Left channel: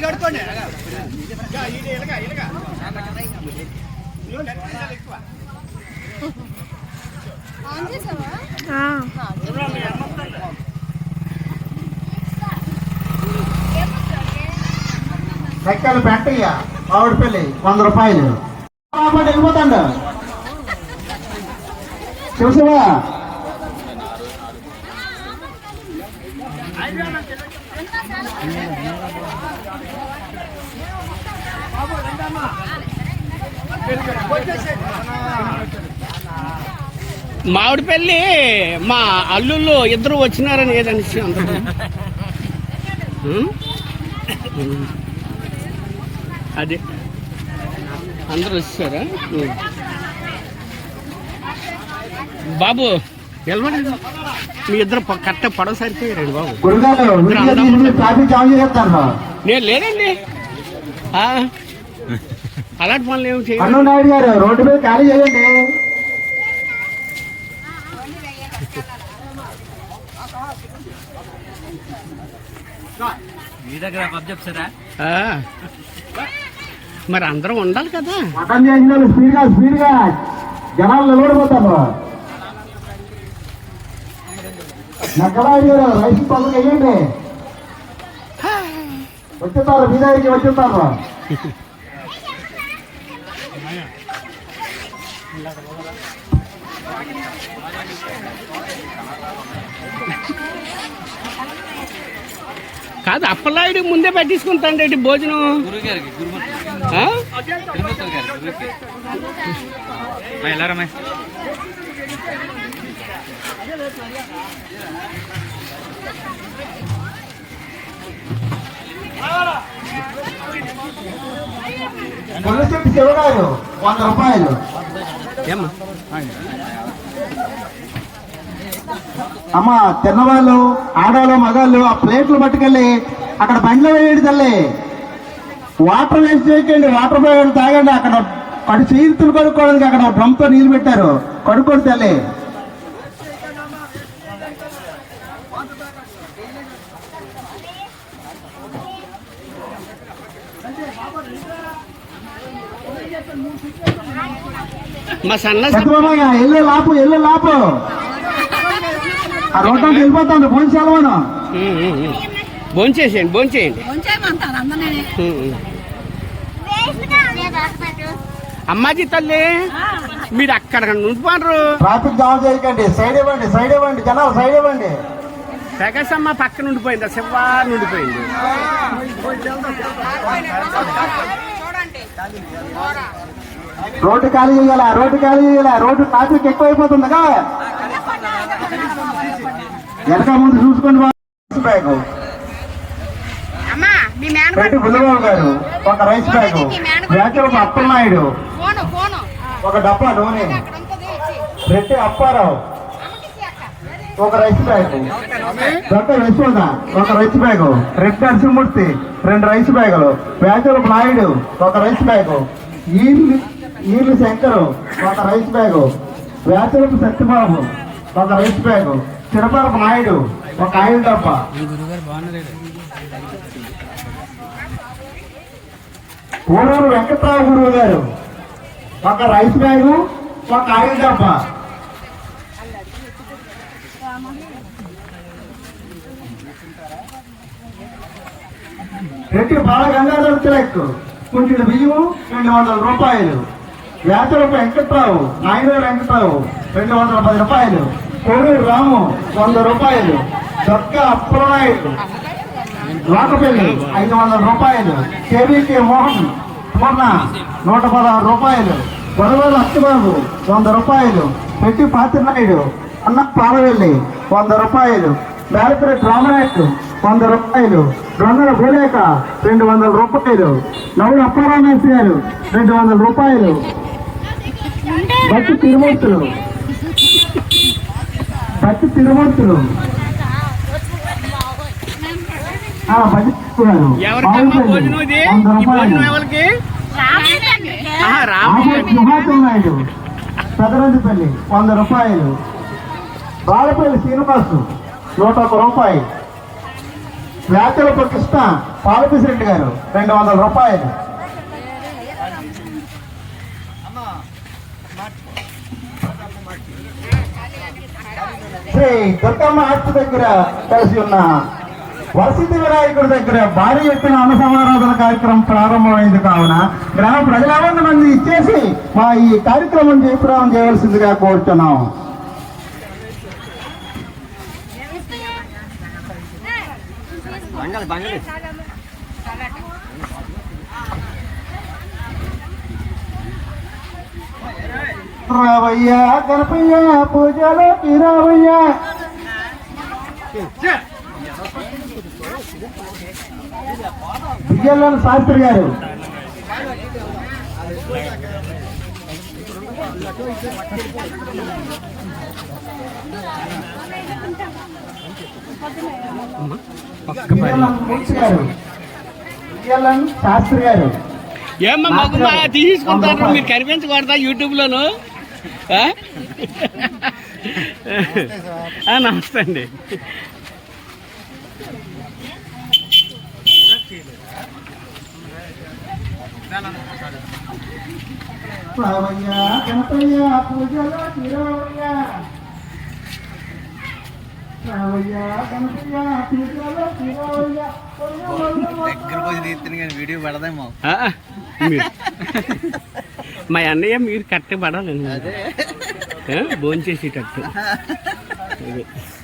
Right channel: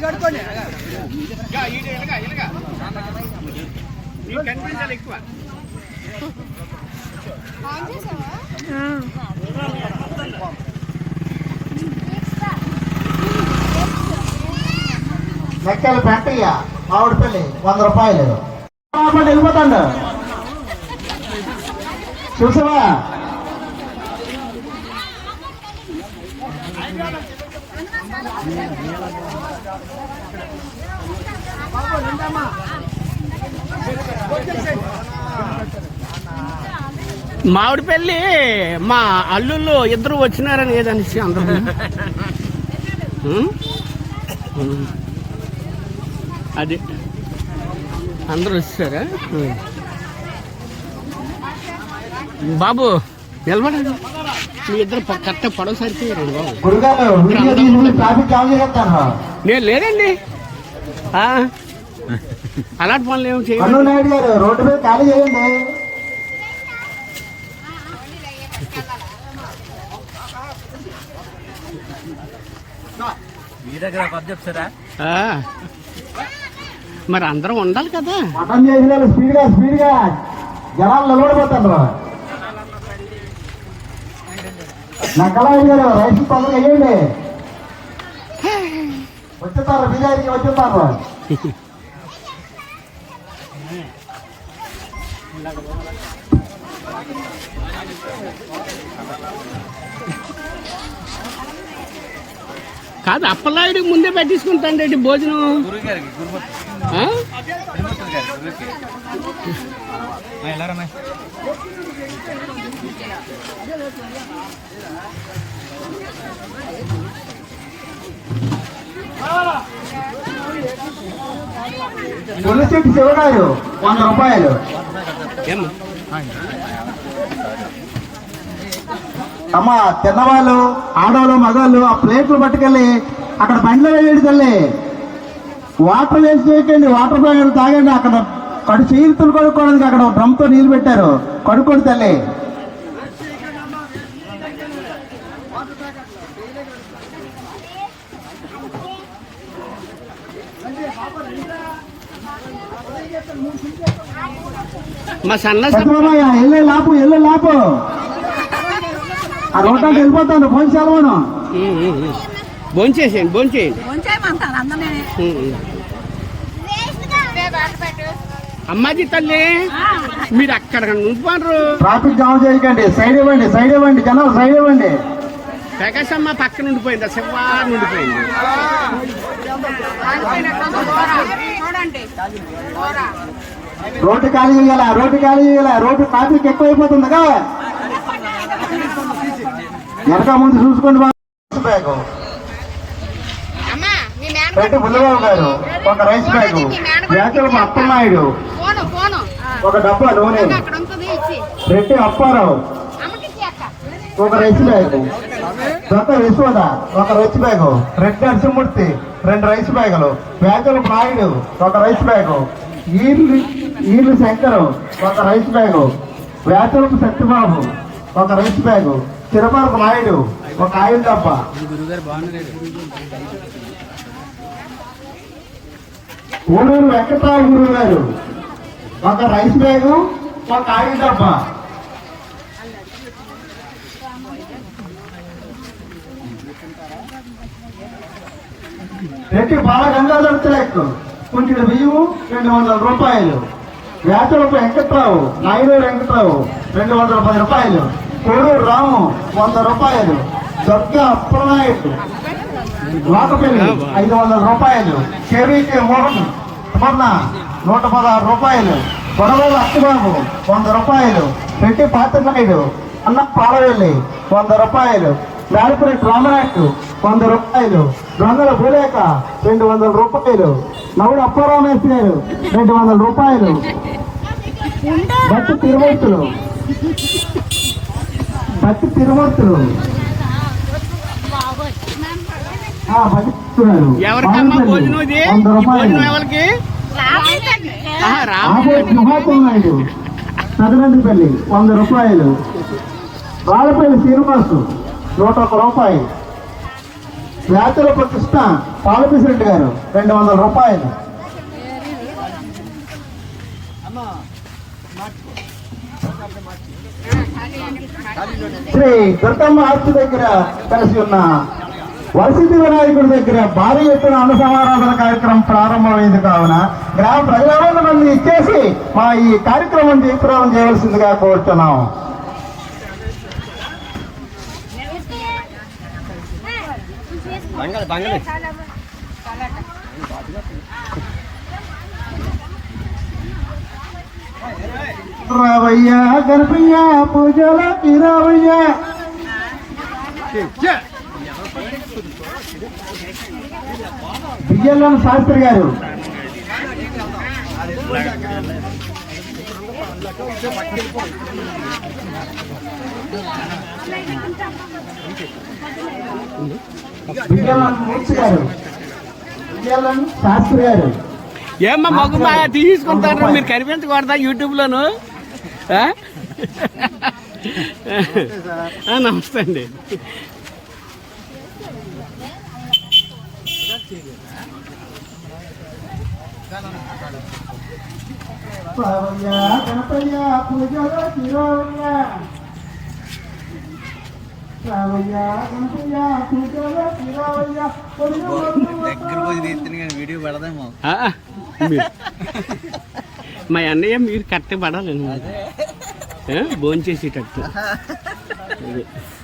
కడుకోండి లెక్కలు పెట్టయ్య. మామిడిపల్లి వంద రూపాయలు. వెళ్ళిపోతాడు. శివశివ మామిడి పెళ్ళి మా అల్లుళ్ళు ఇద్దరు వచ్చినారని ఏదనిసి అందరూ అది అదే. అందరూ వచ్చారా బాబు నిలబడండి. మీ ఇద్దరు కరెక్ట్ పడవ సరిపోయారండి బాబు. ఇద్దరు అందరూ నేను లేదండి ఆ, అలాంటి పనులు ఏమి అన్ను చేయను నాయుడు గారు రోడ్డు మీద ఖాళీ చేయండి. మీ దగ్గర చెప్తారా? ఆ. మరి అందరం ఉండాలి కదా. మటన్ చేసిన వాళ్ళు స్పీడ్గా స్పీడ్గా జనాలు నిలబడిపోతారు నక్కలనాయుడు గారు రైస్ పనులు వేయండి వచ్చేస్తారు మీ దగ్గరికి వచ్చేస్తారు కాదు ముందే పెట్టించుకుంటాండి భోజనం? గురువు గారికి గురుమూర్తి. ఆ? తిరుమూర్తి గారి గురువుకి. వంద రూపాయలు. అమ్మ తిన్నవాళ్ళు ఆడవాళ్ళు మగాళ్ళు ఆ ప్లేట్లు పట్టుకెళ్ళి అక్కడ బండ్లో వేయండి తల్లి. వాటర్ వేసి చేయకండి వాటర్ బ్యాగ్ తాగండి. అక్కడ కడు చేతులు కొనుక్కోవడానికి అక్కడ డ్రమ్తో నీళ్ళు పెట్టారు. కడుక్కోండి తల్లి. మా సన్న ఎల్లు లాపు ఎల్లు లాపు. ఆ రోడ్డు వెళ్ళిపోతాను ఫోన్ సెలవును. భోంచేసేయండి భోంచేయండి. అమ్మాజీ తల్లి మీరు అక్కడ నుండిపోనరు ట్రాఫిక్ జామ్ చేయకండి. సైడ్ ఇవ్వండి సైడ్ ఇవ్వండి. జనాలు సైడ్ ఇవ్వండి. ప్రకాశమ్మ పక్కన ఉండిపోయింది? శివ నుండిపోయింది రోడ్డు ఖాళీ చేయాలా? రోడ్డు ఖాళీ చేయాలా? రోడ్డు ట్రాఫిక్ ఎక్కువైపోతుందిగా. వెనక ముందు చూసుకోండి బ్యాగ్. అమ్మా మీ మేన రెడ్డి బుల్లబాబు గారు ఒక రైస్ బ్యాగ్. Phone phone. ఒక డబ్బా నూనె రెడ్డి అప్పారావు. ఒక రైస్ బ్యాగ్. దొంగ విశ్వద ఒక రైస్ బ్యాగ్. రెడ్ నరసింహమూర్తి రెండు రైస్ బ్యాగులు. వేచలపు నాయుడు ఒక రైస్ బ్యాగ్. ఈర్లు ఈర్లు శంకర్ ఒక రైస్ బ్యాగ్. వేచలపు సత్యబాబు ఒక రైస్ బ్యాగ్. చిరపరపు నాయుడు ఒక ఆయిల్ డబ్బా. ఊరూరు వెంకటరావు గురువు గారు ఒక రైస్ బ్యాగ్ ఒక ఆయిల్ డబ్బా. రెడ్డి బాల గంగాధర్ తిలక్ కొంచెం బియ్యం రెండు వందల రూపాయలు. వేసరపు వెంకట్రావు నాయుడు వెంకట్రావు రెండు వందల పది రూపాయలు. కొడూరు రాము వంద రూపాయలు. దొర్గే అప్పలనాయుడు లోకపల్లి ఐదు వందల రూపాయలు. కేవీకే మోహన్ మొన్న నూట పదహారు రూపాయలు. గొడవల అత్తిబాబు వంద రూపాయలు. పెట్టి పాత్రనాయుడు అన్న పాలవెల్లి వంద రూపాయలు. మేడపరెడ్డి రామనాయుడు వంద రూపాయలు. దొంగల భూలేక రెండు వందల రూపాయలు. నవుడు అప్పారామేశ్వరి గారు రెండు వందల రూపాయలు. బట్టి తిరుమూర్తులు. బట్టి తిరుమూర్తులు. భోజనం ఇది? వంద రూపాయలు. బాలపల్లి శ్రీనివాసు నూట ఒక్క రూపాయి వ్యాఖ్యలపు కృష్ణ పాలపిసిరెడ్డి గారు రెండు వందల రూపాయలు. శ్రీ దుర్గమ్మ ఆర్చి దగ్గర కలిసి ఉన్న వసతి వినాయకుడి దగ్గర భారీ ఎత్తున అనుసమారాధన కార్యక్రమం ప్రారంభమైంది కావున గ్రామ ప్రజలందరూ మంది ఇచ్చేసి మా ఈ కార్యక్రమం జయప్రదం చేయవలసిందిగా కోరుతున్నాం. రావయ్యా గణపయ్య పూజలోకి రావయ్యా విజయలం శాస్త్రి గారు. ఏమ్మా మగు మా తీసుకుంటారు మీరు కనిపించకూడదా యూట్యూబ్ లోను నమస్తే అండి. దగ్గరకు వచ్చి తీస్తుంది కానీ వీడియో పడదేమో. మా అన్నయ్య మీరు కరెక్ట్ పడాలండి భోంచేసేటట్టు అది.